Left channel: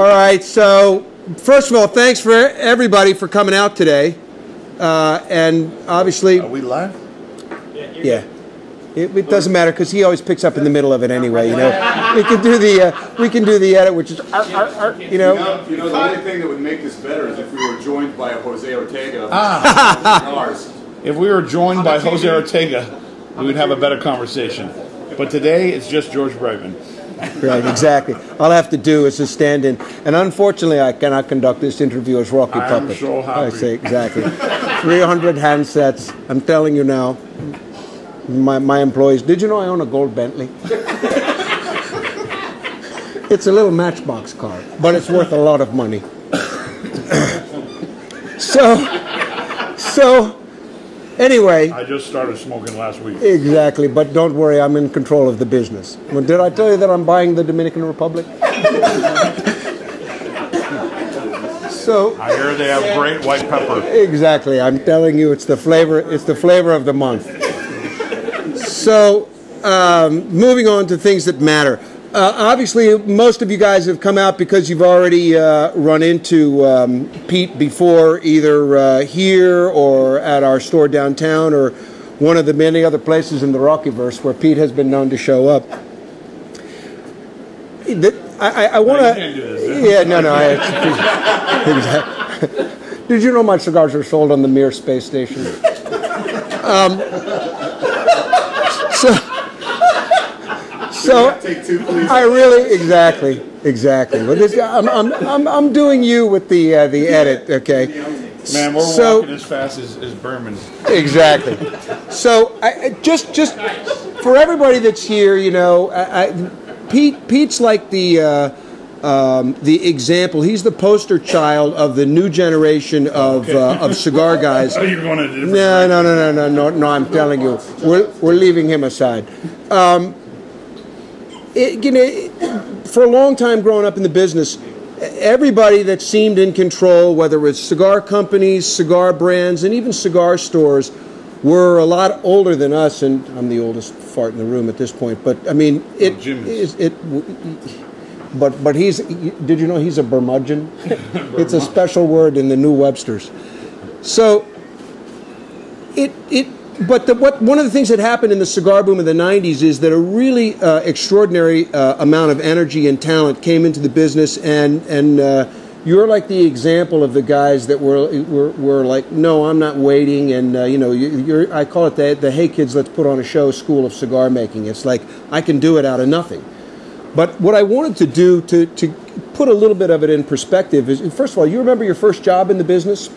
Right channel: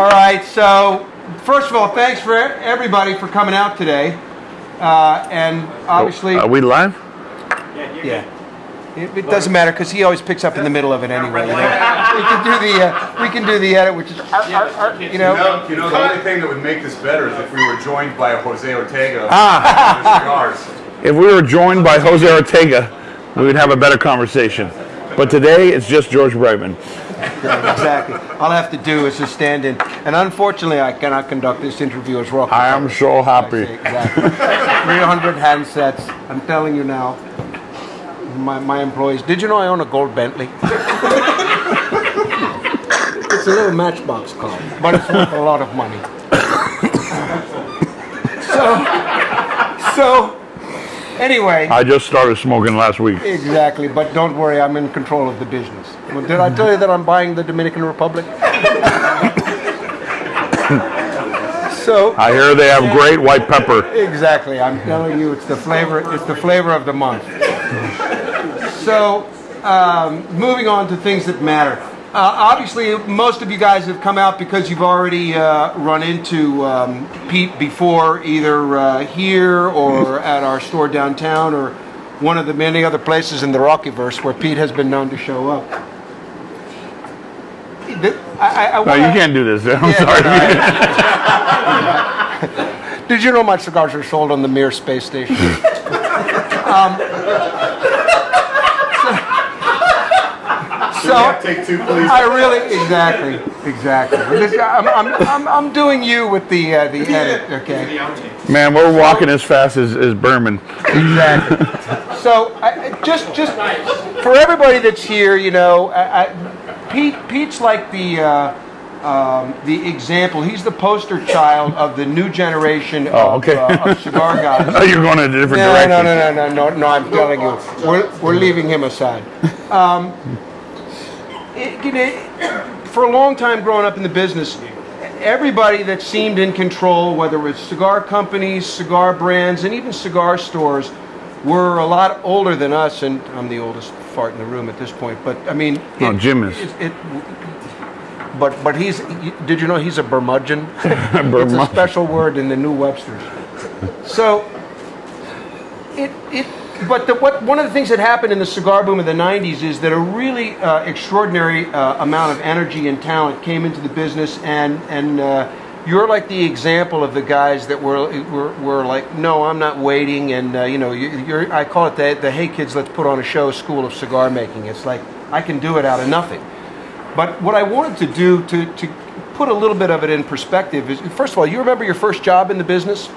All right, so first of all, thanks for everybody for coming out today. And obviously... Are we live? Yeah. It doesn't matter because he always picks up in the middle of it anyway, you know. We can do the edit, which is, you know. The only thing that would make this better is if we were joined by a Jose Ortega. Cigars. If we were joined by Jose Ortega, we would have a better conversation. But today, it's just George Brightman. Yeah, exactly. All I have to do is just stand in. And unfortunately, I cannot conduct this interview as Rocky Puppet. I'm so happy. I say, exactly. 300 handsets. I'm telling you now. My employees, did you know I own a gold Bentley? It's a little Matchbox car, but it's worth a lot of money. So anyway. I just started smoking last week. Exactly, but don't worry, I'm in control of the business. Well, did I tell you that I'm buying the Dominican Republic? So I hear they have great white pepper. Exactly, I'm telling you, it's the flavor of the month. So, moving on to things that matter. Obviously, most of you guys have come out because you've already run into Pete before, either here or at our store downtown or one of the many other places in the Rockyverse where Pete has been known to show up. I wanna, you can't do this. Yeah, Did you know my cigars are sold on the Mir space station? So I really exactly. I'm doing you with the edit, okay? Man, we're walking as fast as Berman. Exactly. So just for everybody that's here, you know, Pete's like the example. He's the poster child of the new generation of cigar guys. Oh, you're going in a different direction. No. I'm telling you, we're leaving him aside. For a long time growing up in the business, everybody that seemed in control, whether it was cigar companies, cigar brands, and even cigar stores, were a lot older than us. And I'm the oldest fart in the room at this point. But I mean, Jim is. But he's. Did you know he's a Bermudgeon? It's a special word in the New Webster's. So one of the things that happened in the cigar boom of the 90s is that a really extraordinary amount of energy and talent came into the business, and you're like the example of the guys that were like, no, I'm not waiting, and you know, I call it the hey kids, let's put on a show school of cigar making. It's like I can do it out of nothing. But what I wanted to do to put a little bit of it in perspective is, first of all, you remember your first job in the business?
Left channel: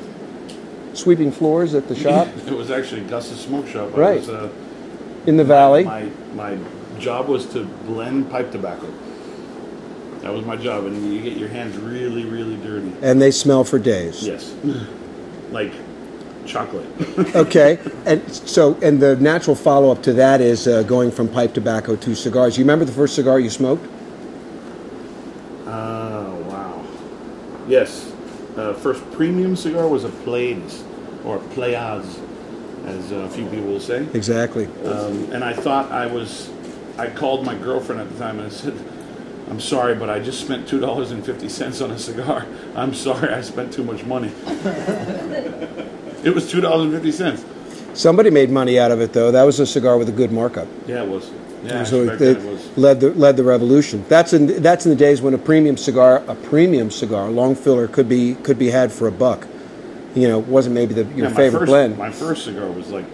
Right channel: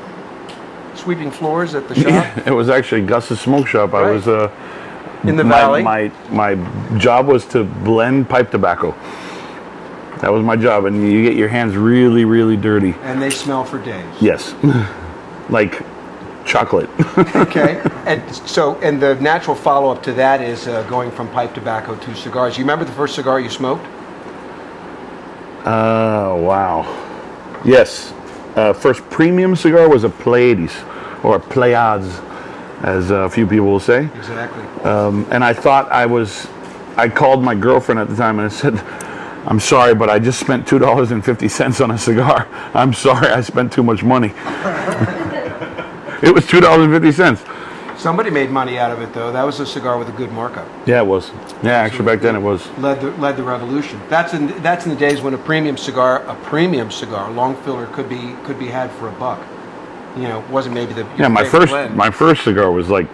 Sweeping floors at the shop? Yeah, it was actually Gus's smoke shop. Right. I was in the valley. My job was to blend pipe tobacco. That was my job, and you get your hands really, really dirty. And they smell for days. Yes, like chocolate. Okay, and the natural follow-up to that is going from pipe tobacco to cigars. You remember the first cigar you smoked? Wow. Yes. First premium cigar was a Pleiades, or a Pleiades, as a few people will say. Exactly. And I thought I called my girlfriend at the time and I said, I'm sorry, but I just spent $2.50 on a cigar. I'm sorry, I spent too much money. It was $2.50. Somebody made money out of it, though. That was a cigar with a good markup. Yeah, it was. Yeah, actually, back then it was. Led the revolution. That's in the days when a premium cigar, long filler, could be had for $1. You know, it wasn't maybe your favorite blend. My first cigar was like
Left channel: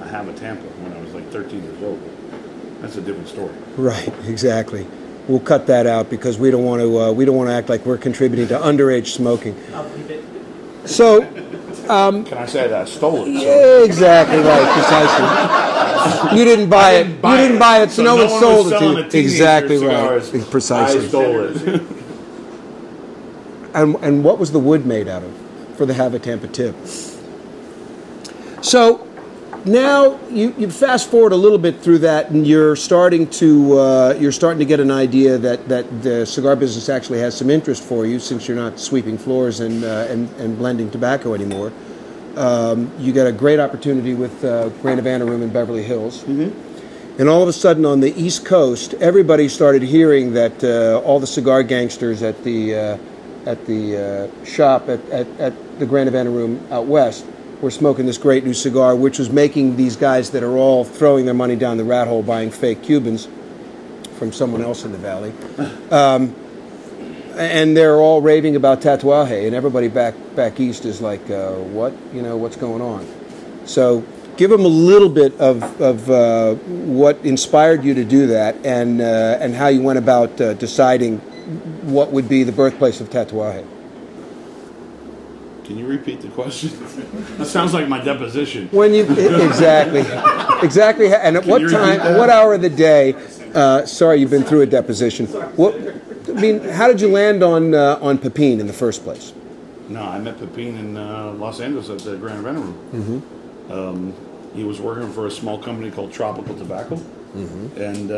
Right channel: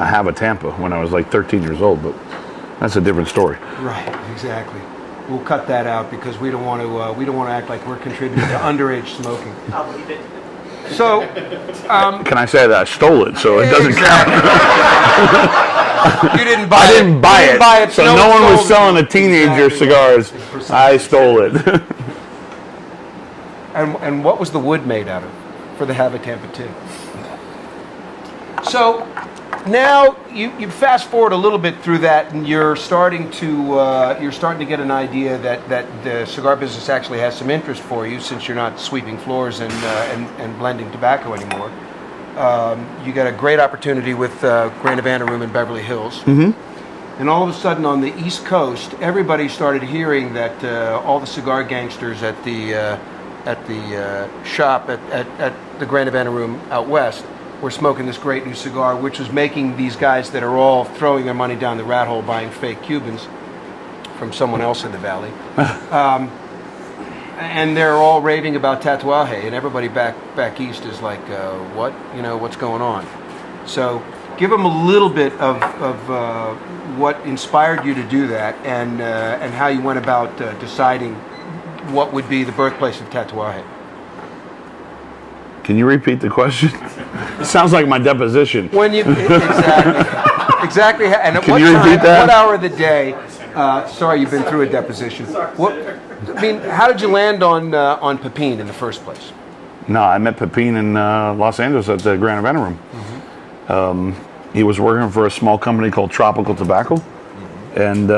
a Have a Tampa when I was like 13 years old, but that's a different story. Right, exactly. We'll cut that out because we don't want to act like we're contributing to underage smoking. I'll believe it. So, can I say that I stole it? So it doesn't exactly right. You didn't buy it. You didn't buy it. So no one was selling a teenager cigars. Precisely. I stole it. And what was the wood made out of for the Have a Tampa tip? So now you fast forward a little bit through that, and you're starting to get an idea that the cigar business actually has some interest for you, since you're not sweeping floors and blending tobacco anymore. You got a great opportunity with Grand Havana Room in Beverly Hills. Mm-hmm. And all of a sudden on the East Coast, everybody started hearing that all the cigar gangsters at the shop at the Grand Havana Room out west. We're smoking this great new cigar, which was making these guys that are all throwing their money down the rat hole buying fake Cubans from someone else in the valley. And they're all raving about Tatuaje, and everybody back east is like, what? You know, what's going on? So give them a little bit of what inspired you to do that, and how you went about deciding what would be the birthplace of Tatuaje. Can you repeat the question? It sounds like my deposition. When you exactly, and at what time, what hour of the day? Sorry, you've been through a deposition. How did you land on Pepin in the first place? No, I met Pepin in Los Angeles at the Grand Havana Room. Mm-hmm. He was working for a small company called Tropical Tobacco, mm-hmm. and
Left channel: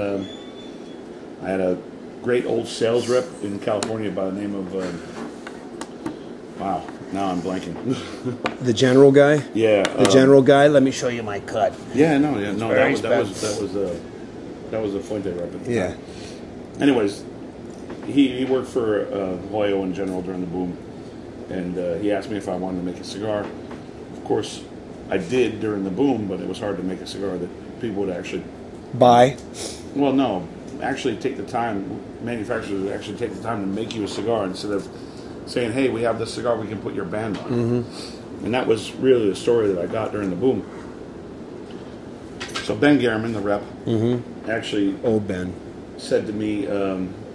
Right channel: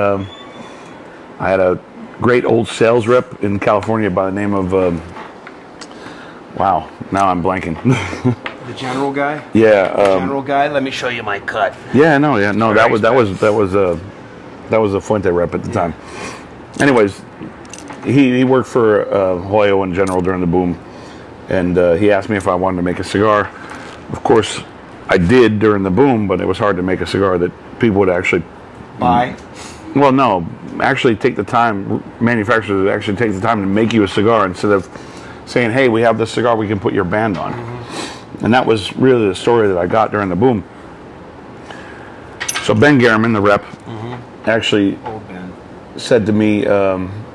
I had a great old sales rep in California by the name of wow, now I'm blanking. The general guy? Yeah, the general guy. Let me show you my cut. Yeah, no, that was a Fuente rep at the time. Anyways, he worked for Hoyo in general during the boom, and he asked me if I wanted to make a cigar. Of course, I did during the boom, but it was hard to make a cigar that people would actually buy. Well, no, actually take the time. Manufacturers would actually take the time to make you a cigar instead of saying, "Hey, we have this cigar we can put your band on." Mm-hmm. And that was really the story that I got during the boom. So Ben Garriman, the rep, mm-hmm. actually old Ben, said to me,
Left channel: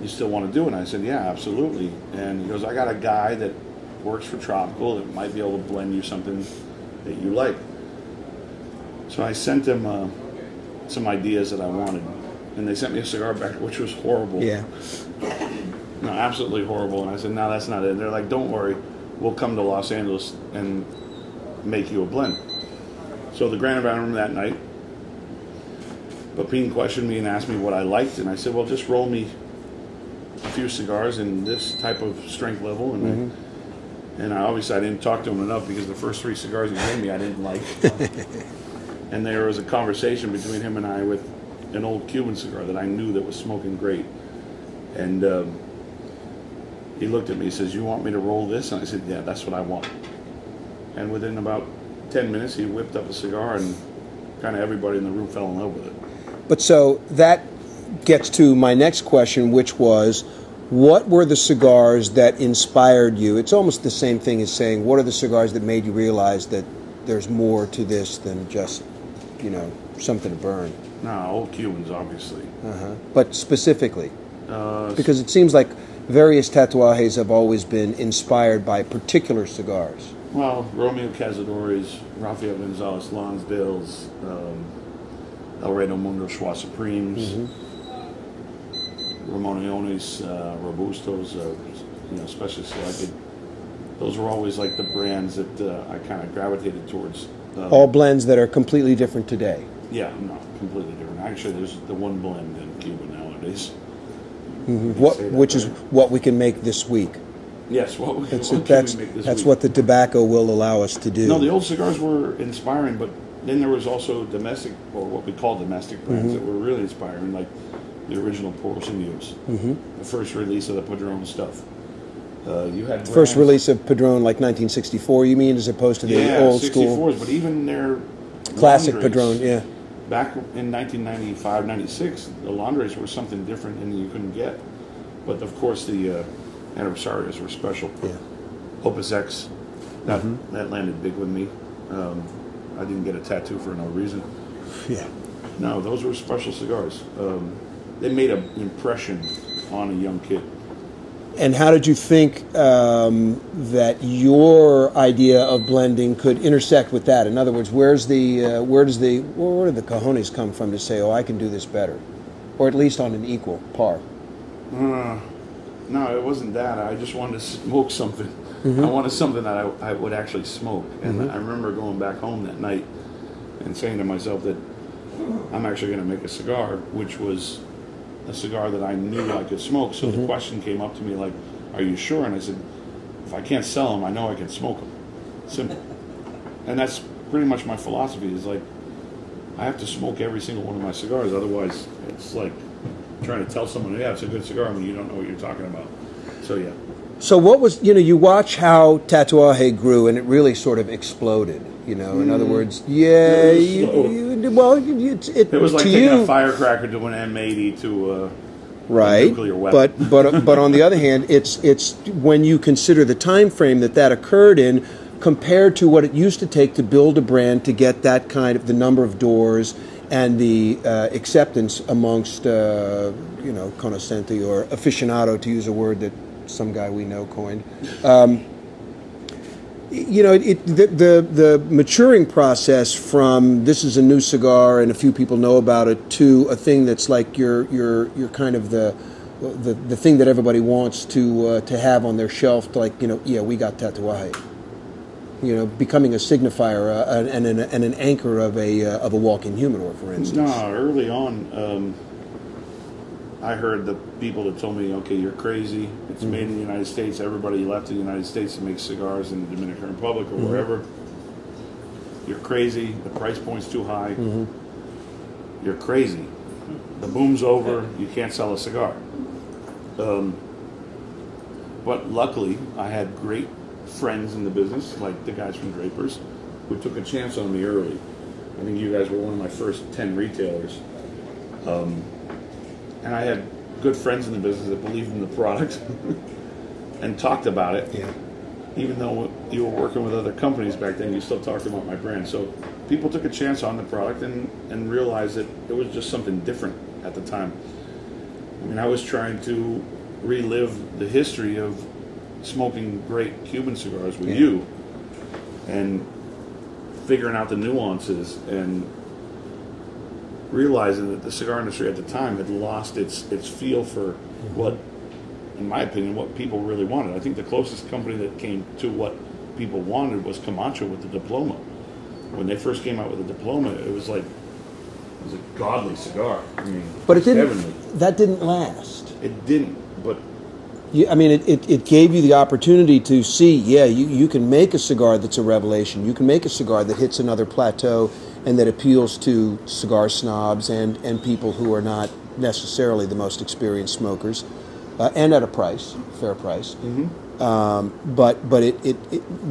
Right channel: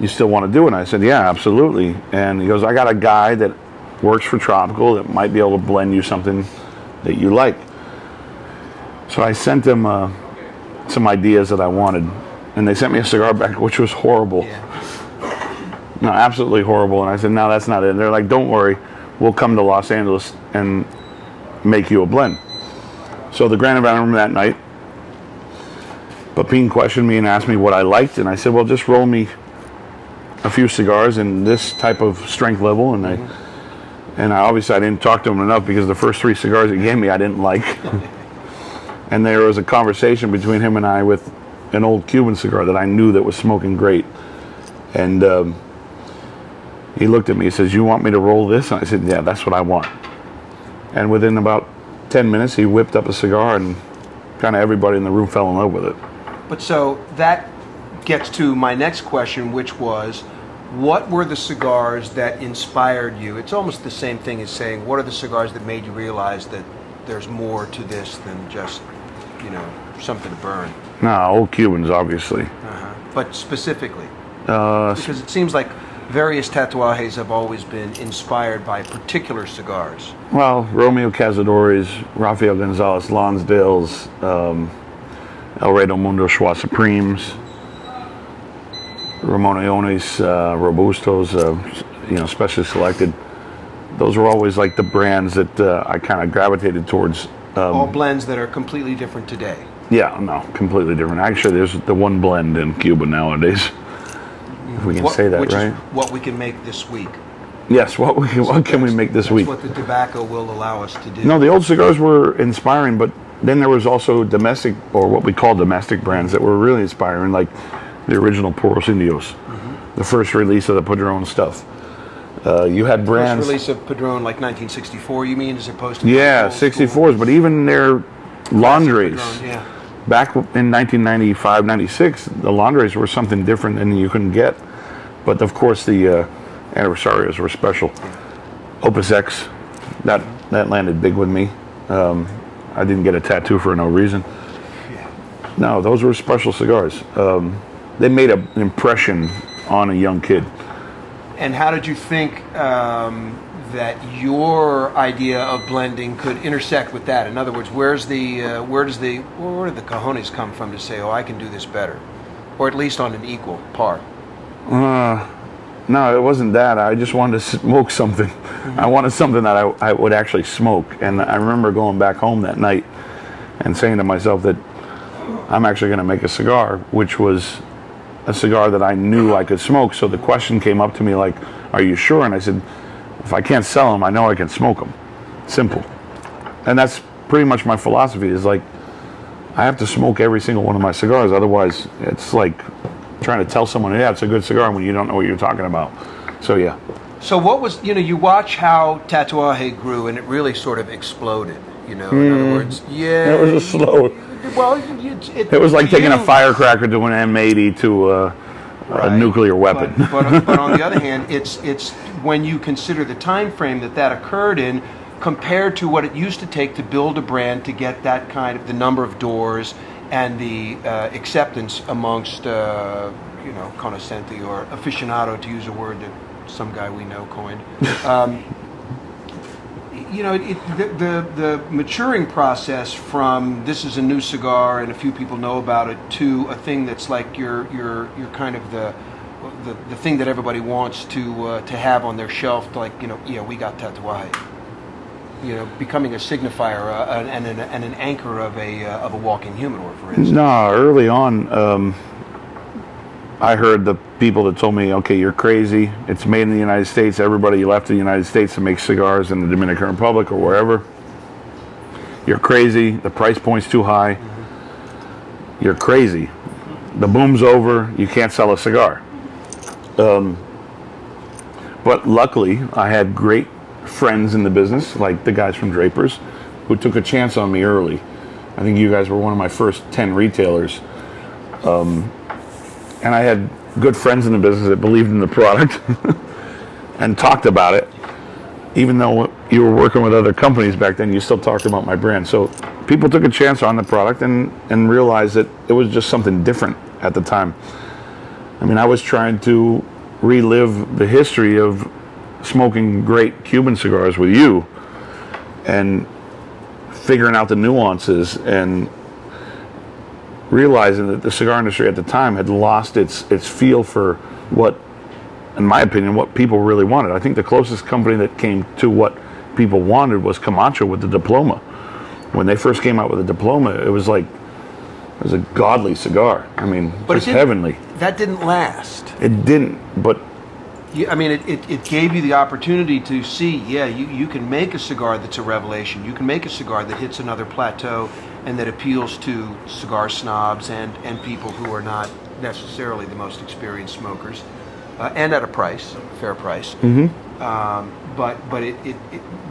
"You still want to do it?" And I said, "Yeah, absolutely." And he goes, "I got a guy that works for Tropical that might be able to blend you something that you like." So I sent them some ideas that I wanted, and they sent me a cigar back, which was horrible. Yeah. No, absolutely horrible. And I said, "No, that's not it." And they're like, "Don't worry, we'll come to Los Angeles and make you a blend." So the Grand Havana Room that night, Pepin questioned me and asked me what I liked, and I said, "Well, just roll me a few cigars in this type of strength level." And mm-hmm. I obviously I didn't talk to him enough because the first 3 cigars he gave me I didn't like. And there was a conversation between him and I with an old Cuban cigar that I knew that was smoking great. And he looked at me, he says, "You want me to roll this?" And I said, "Yeah, that's what I want." And within about 10 minutes, he whipped up a cigar, and kind of everybody in the room fell in love with it. But so that gets to my next question, which was, what were the cigars that inspired you? It's almost the same thing as saying, what are the cigars that made you realize that there's more to this than just, something to burn? No, old Cubans, obviously. Uh-huh. But specifically? Because it seems like various tatuajes have always been inspired by particular cigars. Well, Romeo Cazadores, Rafael Gonzalez Lonsdale's, El Rey del Mundo Schwa Supremes, mm-hmm. Ramoneones, Robustos, specially selected. Those were always like the brands that I kind of gravitated towards. All blends that are completely different today. Yeah, no, completely different. Actually, there's the one blend in Cuba nowadays. If we can say that, which right? is what we can make this week. Yes, what can we make this week? That's what the tobacco will allow us to do. No, the old cigars were inspiring, but then there was also domestic, or what we call domestic brands, mm-hmm. that were really inspiring, like the original Puros Indios, mm-hmm. the first release of the Padron stuff. You had brands... First release of Padron, like 1964, you mean, as opposed to the old 64s, school? but even their Classic laundries. Padron, yeah. Back in 1995, 96, the laundries were something different than you couldn't get. But, of course, the Adversarios were special. Yeah. Opus X, that landed big with me. I didn't get a tattoo for no reason. Yeah. No, those were special cigars. They made an impression on a young kid. And how did you think that your idea of blending could intersect with that? In other words, where do the cojones come from to say, "Oh, I can do this better," or at least on an equal par? No, it wasn't that. I just wanted to smoke something. Mm-hmm. I wanted something that I would actually smoke. And I remember going back home that night and saying to myself that I'm actually going to make a cigar, which was a cigar that I knew I could smoke. So the question came up to me like, "Are you sure?" And I said, "If I can't sell them, I know I can smoke them." Simple. And that's pretty much my philosophy, is like, I have to smoke every single one of my cigars. Otherwise, it's like trying to tell someone, "Yeah, it's a good cigar," when you don't know what you're talking about. So, yeah. So what was, you watch how Tatuaje grew, and it really sort of exploded. In other words, It was slow. Well, it was like taking a firecracker to an M80 to a nuclear weapon. But on the other hand, it's when you consider the time frame that occurred in, compared to what it used to take to build a brand, to get that kind of the number of doors and the acceptance amongst conoscenti or aficionado, to use a word that some guy we know coined. The maturing process from this is a new cigar and a few people know about it to a thing that's like your kind of the thing that everybody wants to have on their shelf, like we got Tatuaje. Becoming a signifier and an anchor of a walking humidor, for instance. No, early on, I heard the people that told me, okay, you're crazy. It's made in the United States. Everybody left the United States to make cigars in the Dominican Republic or wherever. You're crazy. The price point's too high. Mm-hmm. You're crazy. The boom's over. You can't sell a cigar. But luckily, I had great friends in the business, like the guys from Draper's, who took a chance on me early. I think you guys were one of my first 10 retailers. And I had good friends in the business that believed in the product and talked about it. Yeah. Even though you were working with other companies back then, you still talked about my brand. So people took a chance on the product and realized that it was just something different at the time. I mean, I was trying to relive the history of smoking great Cuban cigars with you and figuring out the nuances and realizing that the cigar industry at the time had lost its feel for what, in my opinion, what people really wanted. I think the closest company that came to what people wanted was Camacho with the Diploma. When they first came out with the Diploma, it was a godly cigar. I mean, but just heavenly. That didn't last. It didn't, but it gave you the opportunity to see, you can make a cigar that's a revelation. You can make a cigar that hits another plateau and that appeals to cigar snobs and people who are not necessarily the most experienced smokers, and at a fair price. Mm-hmm. But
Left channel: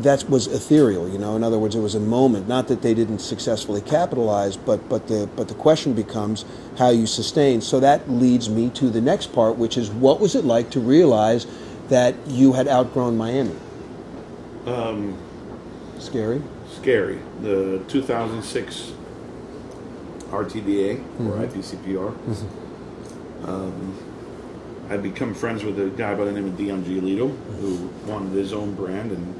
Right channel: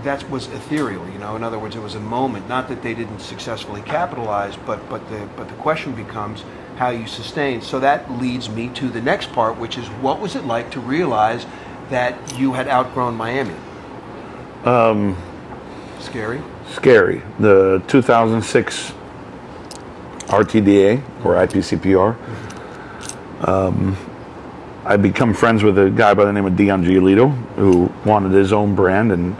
that was ethereal, In other words, it was a moment. Not that they didn't successfully capitalize, but the question becomes how you sustain. So that leads me to the next part, which is what was it like to realize that you had outgrown Miami? Scary. Scary. The 2006 RTDA or IPCPR. Mm-hmm. I become friends with a guy by the name of Dion Giolito who wanted his own brand, and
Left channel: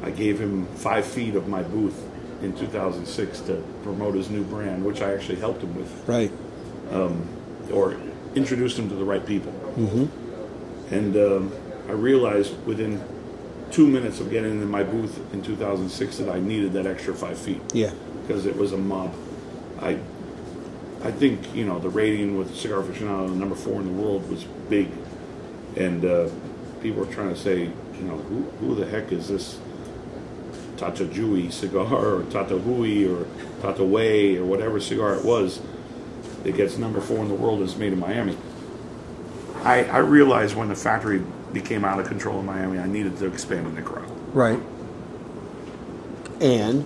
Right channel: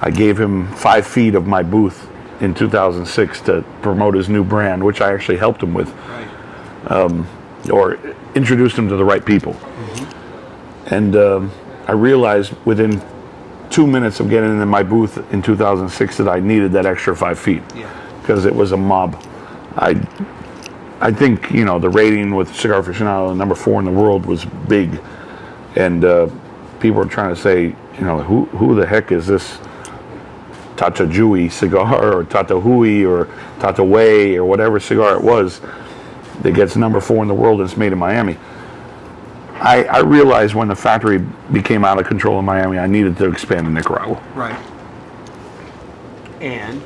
I gave him 5 feet of my booth in 2006 to promote his new brand, which I actually helped him with. Right. Or introduced him to the right people. Mm-hmm. And I realized within 2 minutes of getting in my booth in 2006 that I needed that extra 5 feet. Yeah. Because it was a mob. I think, the rating with Cigar Aficionado, number 4 in the world, was big. And people were trying to say, who the heck is this Tatajui cigar or Tatahui or Tataway or whatever cigar it was that gets number 4 in the world and it's made in Miami. I realized when the factory became out of control in Miami, I needed to expand in Nicaragua. Right. And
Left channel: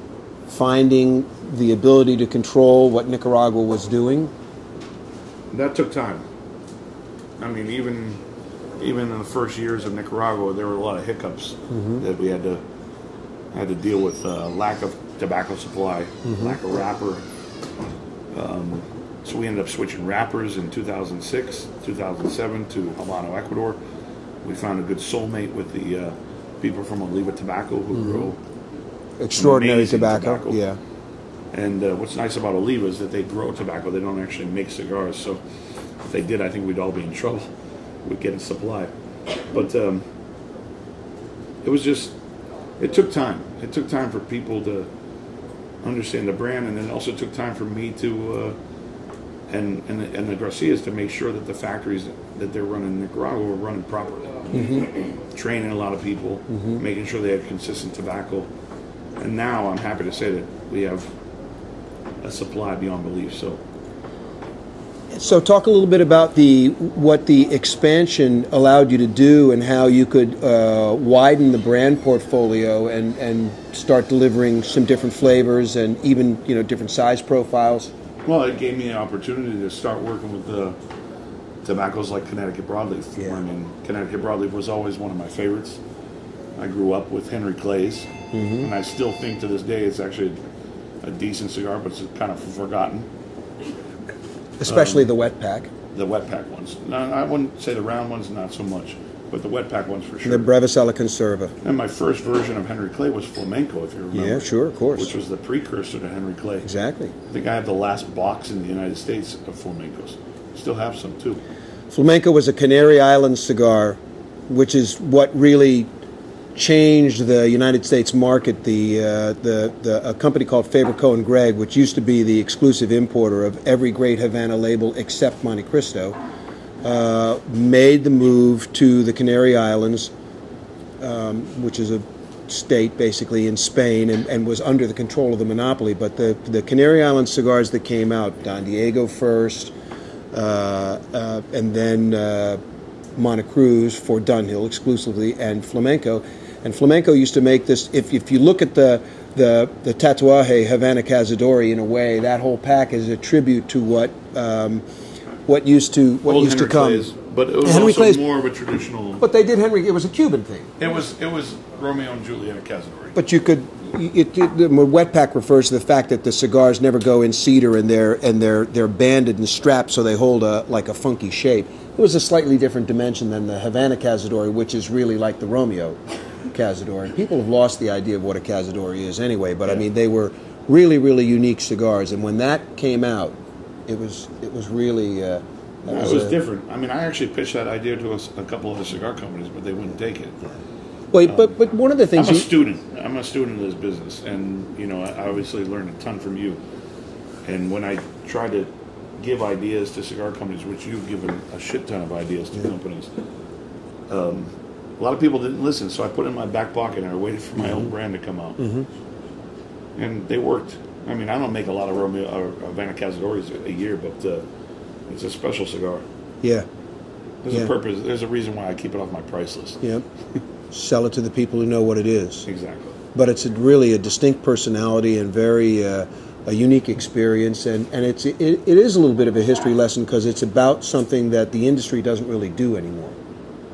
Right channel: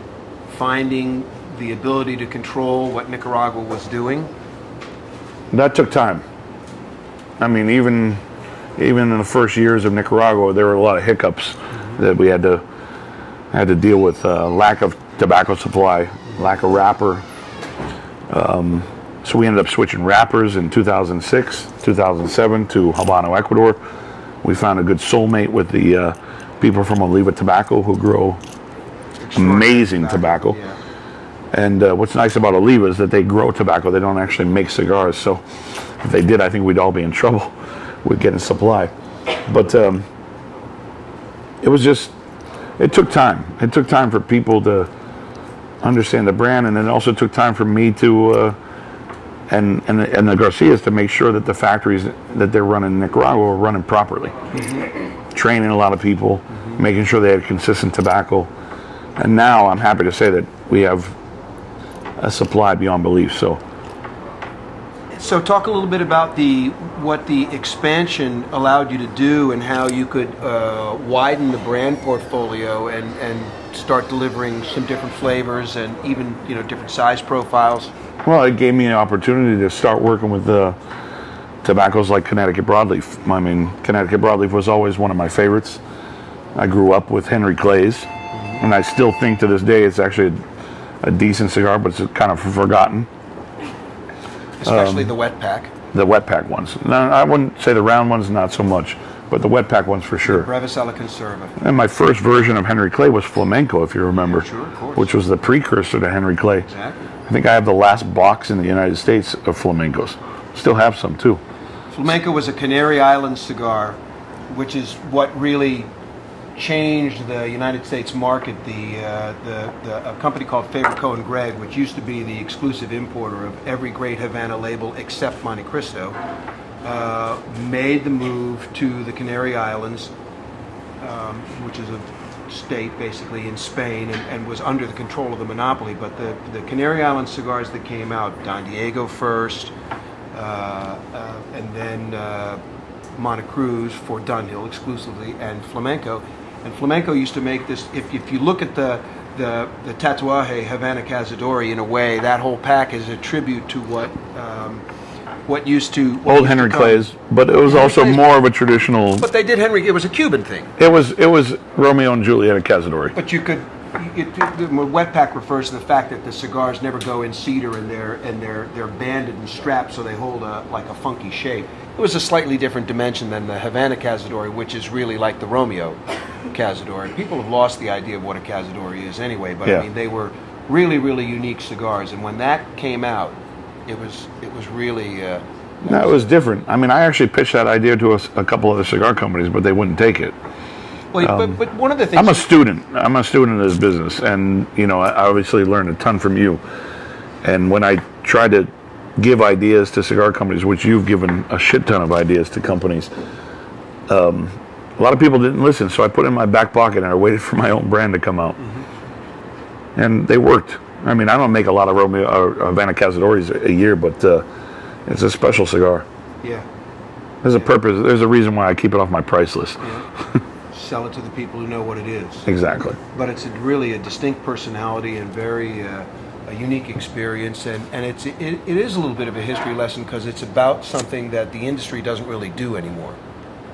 finding the ability to control what Nicaragua was doing? That took time. I mean, even in the first years of Nicaragua, there were a lot of hiccups that we had to deal with. Lack of tobacco supply, lack of wrapper. So we ended up switching wrappers in 2006, 2007 to Habano, Ecuador. We found a good soulmate with the people from Oliva Tobacco who grow amazing tobacco. Yeah. And what's nice about Oliva is that they grow tobacco. They don't actually make cigars. So if they did, I think we'd all be in trouble with getting supply. But it took time. It took time for people to understand the brand, and it also took time for me to and the Garcias to make sure that the factories that they're running in Nicaragua were running properly. Mm-hmm. Training a lot of people, making sure they had consistent tobacco. And now I'm happy to say that we have a supply beyond belief. So, So talk a little bit about what the expansion allowed you to do and how you could widen the brand portfolio and start delivering some different flavors and even different size profiles. Well, it gave me an opportunity to start working with the tobaccos like Connecticut Broadleaf. I mean, Connecticut Broadleaf was always one of my favorites. I grew up with Henry Clay's, and I still think to this day it's actually a decent cigar, but it's kind of forgotten. Especially the wet pack. The wet pack ones. No, I wouldn't say the round ones, not so much, but the wet pack ones for sure. The Brevis a la Conserva. And my first version of Henry Clay was Flamenco, if you remember. Yeah, sure, of course. Which was the precursor to Henry Clay. Exactly. I think I have the last box in the United States of Flamencos. Still have some, too. Flamenco was a Canary Islands cigar, which is what really changed the United States market. A company called Faber Cohen Gregg, which used to be the exclusive importer of every great Havana label except Monte Cristo, made the move to the Canary Islands, which is a state basically in Spain, and was under the control of the monopoly. But the Canary Islands cigars that came out, Don Diego first, and then Monte Cruz for Dunhill exclusively, and Flamenco. And Flamenco used to make this. If you look at the Tatuaje Havana Cazadores, in a way, that whole pack is a tribute to what used to old Henry Clay's, but it was also more of a traditional. But they did Henry. It was a Cuban thing. It was Romeo and Juliet Cazadores. But you could. The wet pack refers to the fact that the cigars never go in cedar, and they're banded and strapped so they hold like a funky shape. It was a slightly different dimension than the Havana Cazadore, which is really like the Romeo Cazadore. And people have lost the idea of what a Cazadore is anyway, but I mean, they were really, really unique cigars. And when that came out, it was really... it was different. I mean, I actually pitched that idea to a couple of the cigar companies, but they wouldn't take it. Well, but one of the things... I'm a student of this business, and, I obviously learned a ton from you. And when I tried to give ideas to cigar companies, which you've given a shit ton of ideas to companies, a lot of people didn't listen, so I put it in my back pocket and I waited for my own brand to come out. And they worked. I mean, I don't make a lot of Romeo or Havana Cazadores a year, but it's a special cigar. Yeah. There's a purpose. There's a reason why I keep it off my price list. Yeah. Sell it to the people who know what it is. Exactly. But it's really a distinct personality and very a unique experience, and it is a little bit of a history lesson because it's about something that the industry doesn't really do anymore.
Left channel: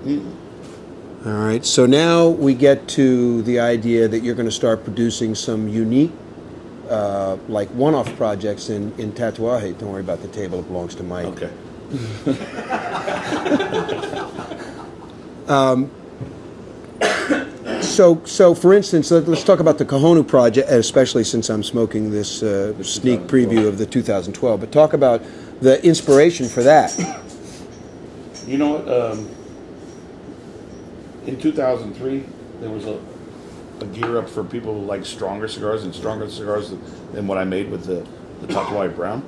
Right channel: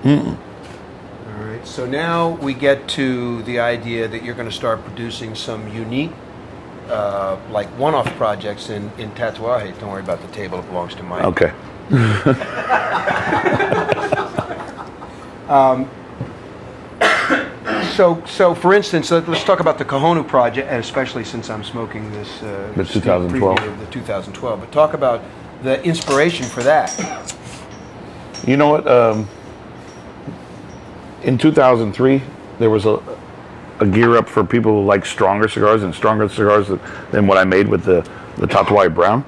All right, so now we get to the idea that you're going to start producing some unique, like one-off projects in Tatuaje. Don't worry about the table; it belongs to Mike. Okay. So for instance, let's talk about the Cojonu project, especially since I'm smoking this sneak preview of the 2012. But talk about the inspiration for that. You know what? In 2003, there was a gear up for people who like stronger cigars than what I made with the Tatuaje Brown.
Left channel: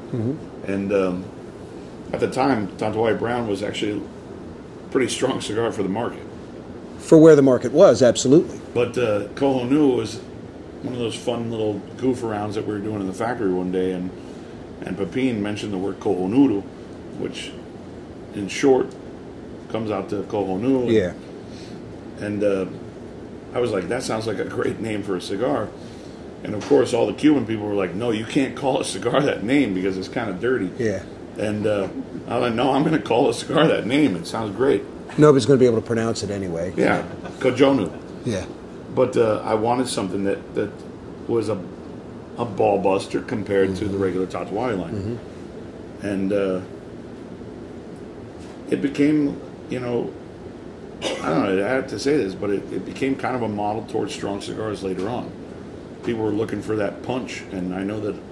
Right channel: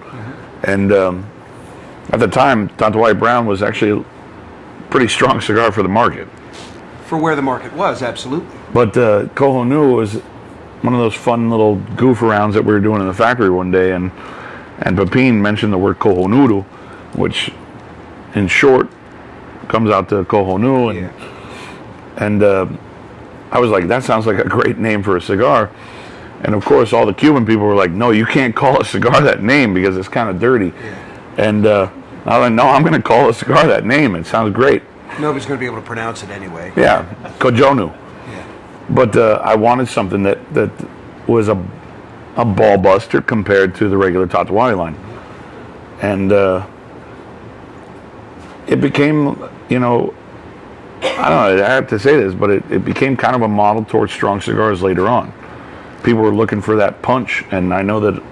And at the time, Tatuaje Brown was actually a pretty strong cigar for the market. For where the market was, absolutely. But Cojonu was one of those fun little goof arounds that we were doing in the factory one day, and Pepin mentioned the word Cojonudo, which in short comes out to Cojonu. And I was like, that sounds like a great name for a cigar. And of course, all the Cuban people were like, no, you can't call a cigar that name because it's kind of dirty. And I was like, no, I'm going to call a cigar that name. It sounds great. Nobody's going to be able to pronounce it anyway. Yeah, Cojonu. Yeah. But I wanted something that was a ball buster compared to the regular Tatuaje line. And it became, I don't know, I have to say this, but it became kind of a model towards strong cigars later on. People were looking for that punch, and I know that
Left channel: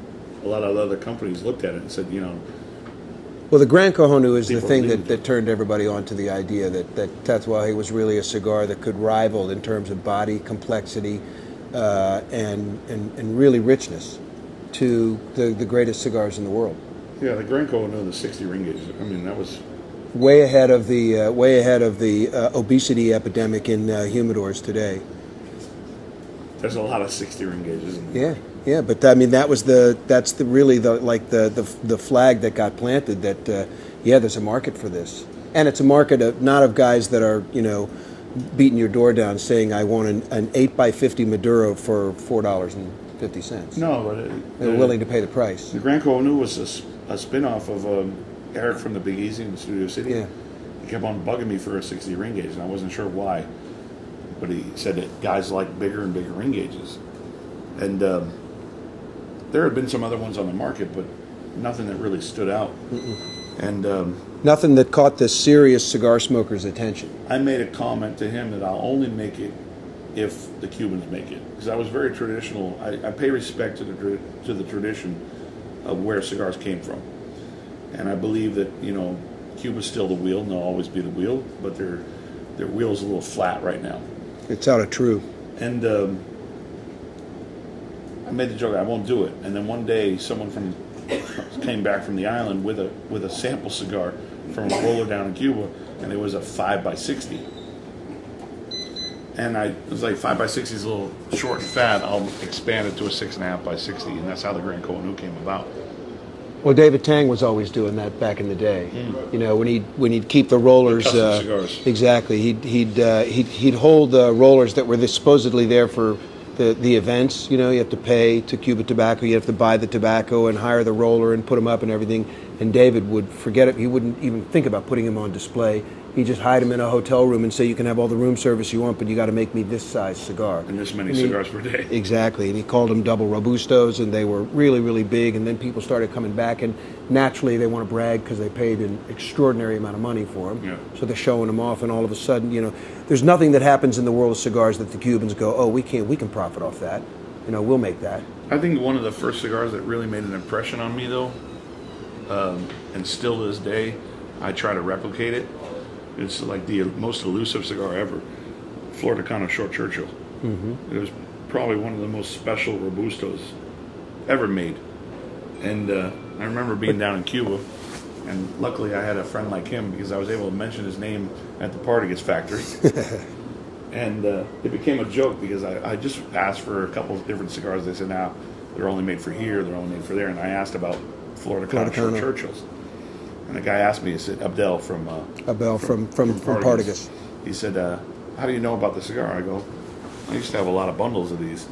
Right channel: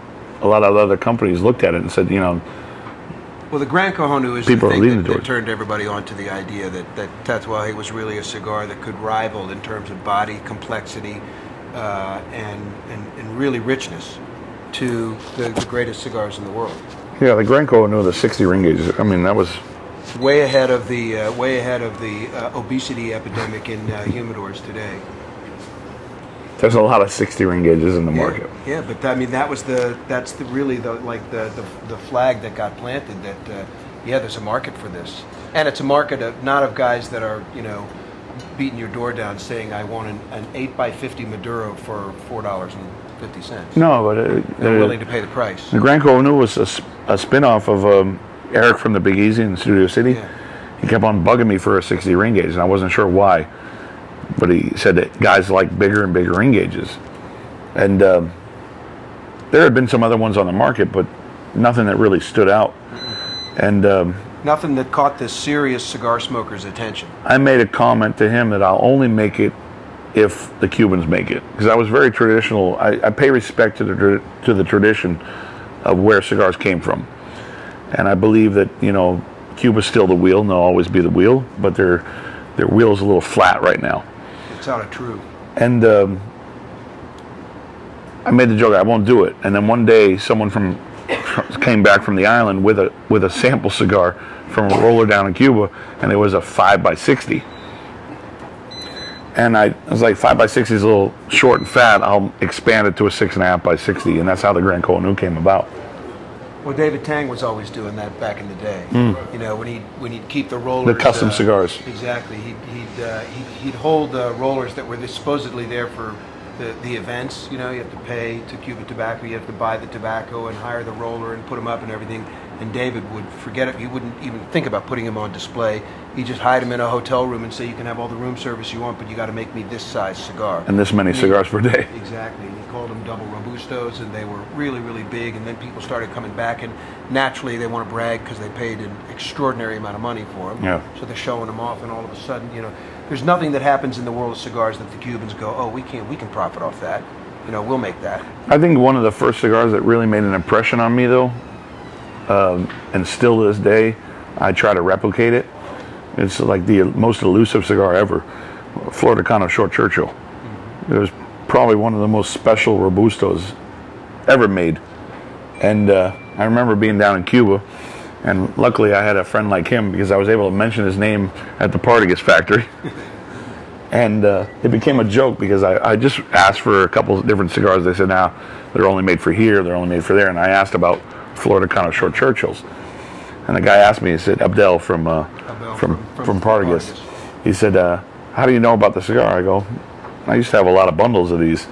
a lot of other companies looked at it and said, Well, the Gran Cojonu is the people thing that turned everybody on to the idea that Tatuaje was really a cigar that could rival in terms of body, complexity, and really richness to the greatest cigars in the world. Yeah, the Gran Cojonu, the 60 ring gauge, I mean, that was way ahead of the obesity epidemic in humidors today. There's a lot of 60 ring gauges in the market. Yeah, but I mean that's really the flag that got planted that there's a market for this, and it's a market not of guys that are beating your door down saying I want an 8x50 Maduro for $4.50. No, but they're willing to pay the price. The Grand Cojonu was a spin-off of Eric from the Big Easy in Studio City. Yeah. He kept on bugging me for a 60 ring gauge, and I wasn't sure why. But he said that guys like bigger and bigger ring gauges. And there had been some other ones on the market, but nothing that really stood out. And nothing that caught the serious cigar smoker's attention. I made a comment to him that I'll only make it if the Cubans make it. Because I was very traditional. I pay respect to the tradition of where cigars came from. And I believe that, Cuba's still the wheel, and they'll always be the wheel, but their wheel is a little flat right now. It's out of true. And I made the joke, I won't do it. And then one day, someone came back from the island with a sample cigar from a roller down in Cuba, and it was a 5x60. And I was like, 5x60 is a little short and fat. I'll expand it to a 6.5x60, and that's how the Grand Cojonu came about. Well, David Tang was always doing that back in the day. When he'd keep the rollers, the custom cigars. Exactly. He'd hold rollers that were supposedly there for the events. You have to pay to Cuba Tobacco. You have to buy the tobacco and hire the roller and put them up and everything. And David would forget it. He wouldn't even think about putting them on display. He just hide them in a hotel room and say, you can have all the room service you want, but you got to make me this size cigar. And this many cigars per day. Exactly. And he called them double Robustos, and they were really, really big. And then people started coming back, and naturally they want to brag because they paid an extraordinary amount of money for them. Yeah. So they're showing them off, and all of a sudden, there's nothing that happens in the world of cigars that the Cubans go, oh, we can profit off that. We'll make that. I think one of the first cigars that really made an impression on me, though, and still to this day, I try to replicate it. It's like the most elusive cigar ever, Flor Decano Short Churchill. Mm-hmm. It was probably one of the most special Robustos ever made. And I remember being down in Cuba, and luckily I had a friend like him because I was able to mention his name at the Partagas factory. And it became a joke because I just asked for a couple of different cigars. They said, now they're only made for here, they're only made for there. And I asked about Flor Decano Short Churchills. And the guy asked me, he said, Abdel from Partagas. He said, how do you know about the cigar? I go, I used to have a lot of bundles of these.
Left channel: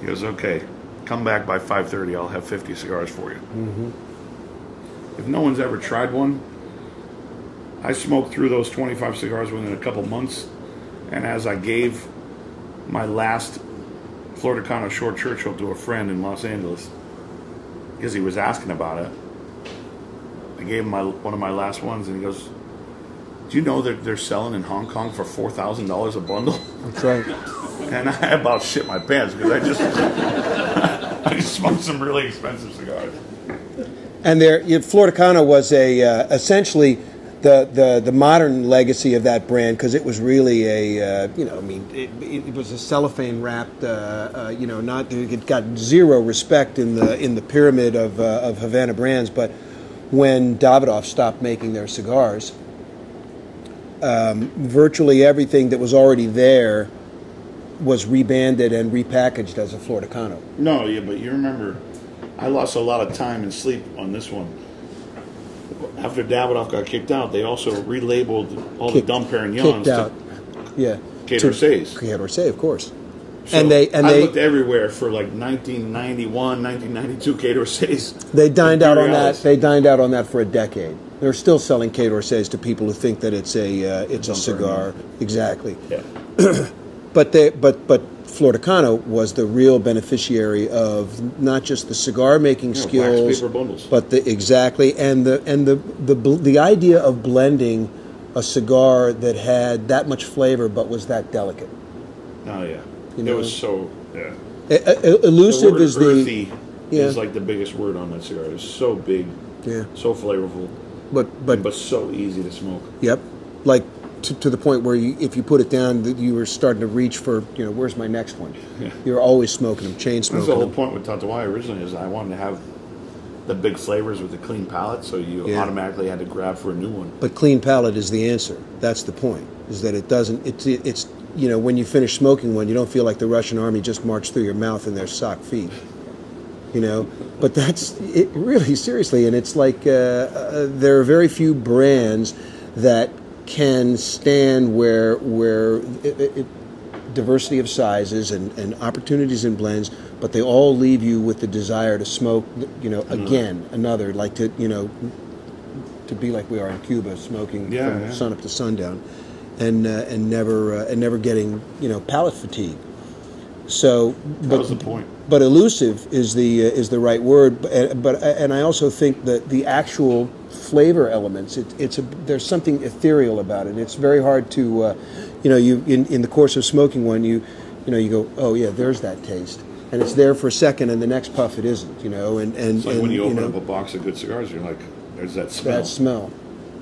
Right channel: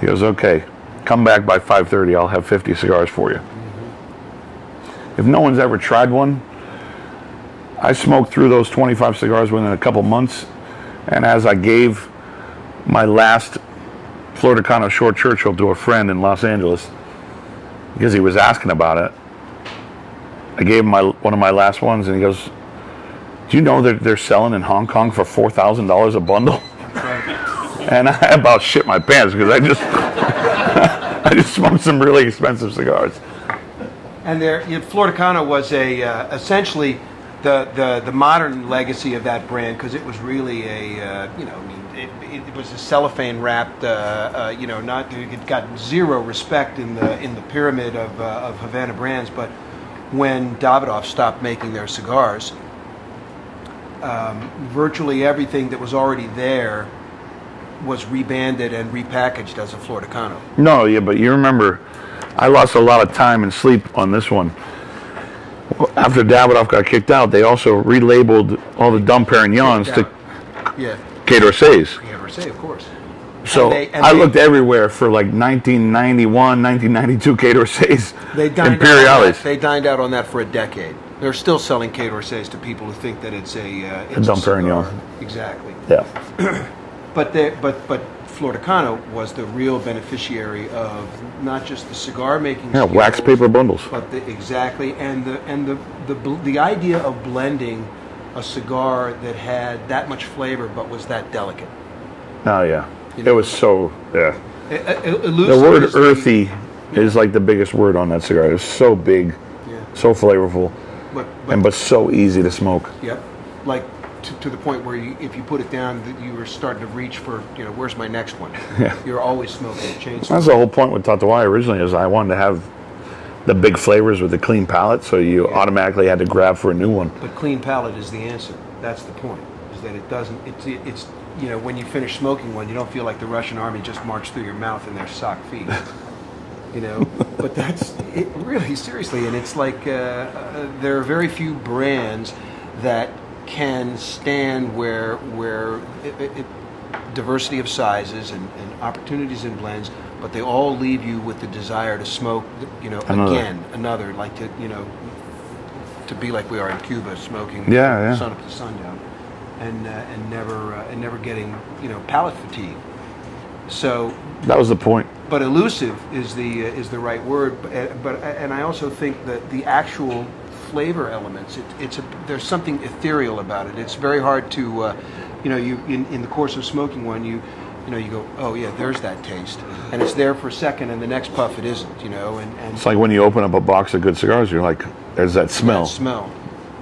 He goes, okay, come back by 5:30, I'll have 50 cigars for you. Mm-hmm. If no one's ever tried one, I smoked through those 25 cigars within a couple months, and as I gave my last Flor Decano Short Churchill to a friend in Los Angeles, because he was asking about it, I gave him one of my last ones, and he goes, do you know that they're selling in Hong Kong for $4,000 a bundle? That's right. And I about shit my pants because I just smoked some really expensive cigars. And Flor Decano was essentially the modern legacy of that brand, because it was really it was a cellophane wrapped, it got zero respect in the pyramid of Havana brands, but when Davidoff stopped making their cigars, virtually everything that was already there was rebanded and repackaged as a Flor Decano. No, yeah, but you remember, I lost a lot of time and sleep on this one. After Davidoff got kicked out, they also relabeled all the Dom Perignons to Quai d'Orsay's. Quai d'Orsay, of course. So I looked everywhere for like 1991, 1992 Quai d'Orsay's. They dined out on that for a decade. They're still selling Quai d'Orsay's to people who think that it's a cigar. Exactly. Yeah. But Flor Decano was the real beneficiary of not just the cigar making skills, wax paper bundles, but the idea of blending a cigar that had that much flavor but was that delicate. Oh yeah, it was so elusive. The word earthy is like the biggest word on that cigar. It's so big, so flavorful, but so easy to smoke. Yep, like. To the point where if you put it down, you were starting to reach for, where's my next one? Yeah. You're always smoking, chain smoking. That's the whole point with Tatuaje originally, is I wanted to have the big flavors with the clean palate, so you automatically had to grab for a new one. But clean palate is the answer. That's the point, is that it doesn't, it's you know, when you finish smoking one, you don't feel like the Russian army just marched through your mouth in their sock feet. You know, but that's it, really, seriously. And it's like there are very few brands that can stand where diversity of sizes and opportunities in blends, but they all leave you with the desire to smoke, you know, another, like to, you know, to be like we are in Cuba, smoking from sun up to sundown, and never getting, you know, palate fatigue. So that was the point. But elusive is the right word. But I also think that the actual flavor elements, there's something ethereal about it. It's very hard to, you know, you in the course of smoking one, you go, oh yeah, there's that taste, and it's there for a second, and the next puff it isn't, you know. And it's like when you open up a box of good cigars, you're like, there's that smell.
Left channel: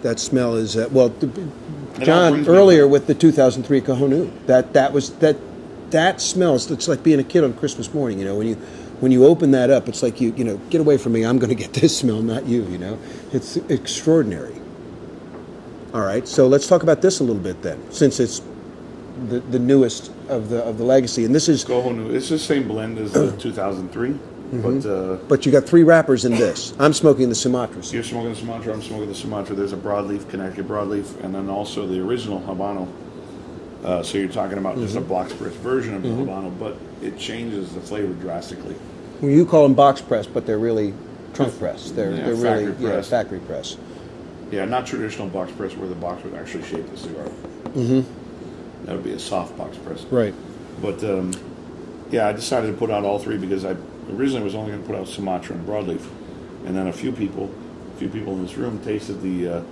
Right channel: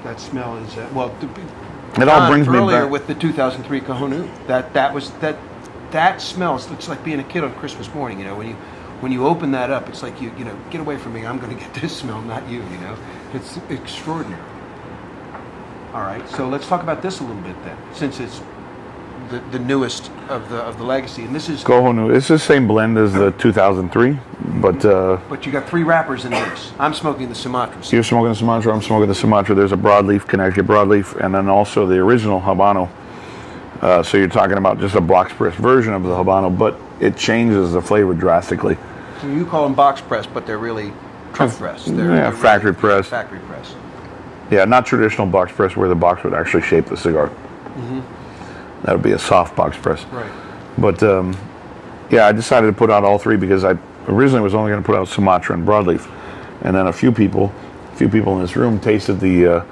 That smell is well. John earlier with the 2003 Cojonu, that smells. It's like being a kid on Christmas morning. You know, when you open that up, it's like you know, get away from me. I'm going to get this smell, not you. You know, it's extraordinary. All right, so let's talk about this a little bit then, since it's the newest of the legacy, and this is Cojonu. It's the same blend as the 2003, but you got 3 wrappers in this. I'm smoking the Sumatra. You're smoking the Sumatra. I'm smoking the Sumatra. There's a broadleaf, Connecticut broadleaf, and then also the original Habano. So you're talking about just a box press version of the Habano, but it changes the flavor drastically. You call them box press, but they're really trunk press. They're factory press. Yeah, factory press. Yeah, not traditional box press where the box would actually shape the cigar. Mm-hmm. That would be a soft box press. Right. But yeah, I decided to put out all 3 because I originally was only going to put out Sumatra and broadleaf, and then a few people in this room tasted the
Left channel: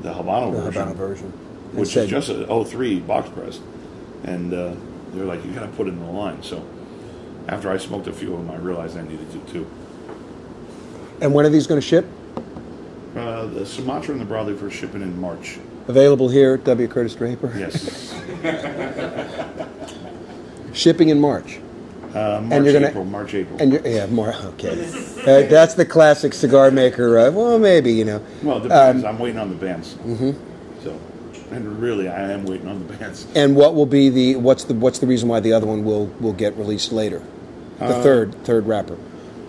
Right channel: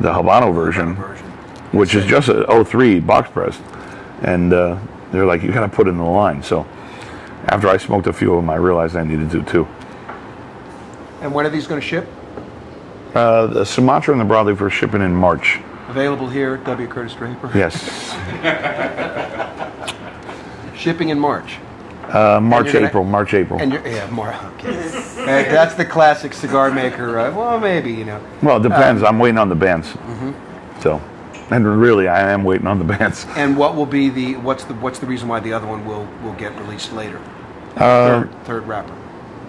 Habano version. Which is just a 03 box press, and they're like, you got to put it in the line. So after I smoked a few of them, I realized I needed to too. And when are these going to ship? The Sumatra and the broadleaf are shipping in March. Available here at W.Curtis Draper? Yes. Shipping in March. March, April. And yeah, more. Okay. That's the classic cigar maker. Well, maybe, you know. Well, it depends. I'm waiting on the bands. Mm-hmm. So. And really, I am waiting on the bands. And what will be what's the reason why the other one will get released later? The third wrapper.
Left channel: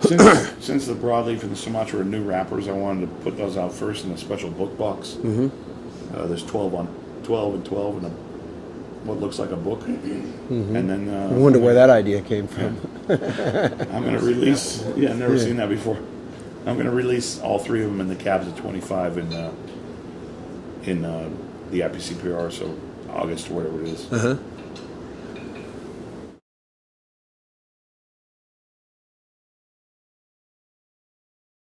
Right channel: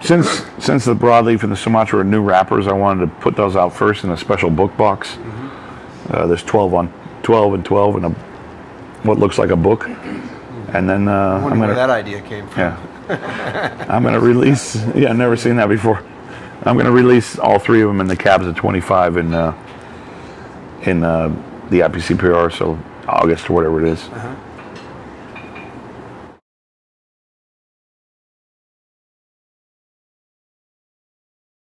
Since the broadleaf and the Sumatra are new wrappers, I wanted to put those out first in a special book box. Mm-hmm. There's 12 and 12 in what looks like a book. Mm-hmm. And then I wonder where that idea came from. Yeah. I'm going to release. Yeah, I've never seen that before. I'm going to release all 3 of them in the cabs at 25 in the IPCPR, so August or whatever it is.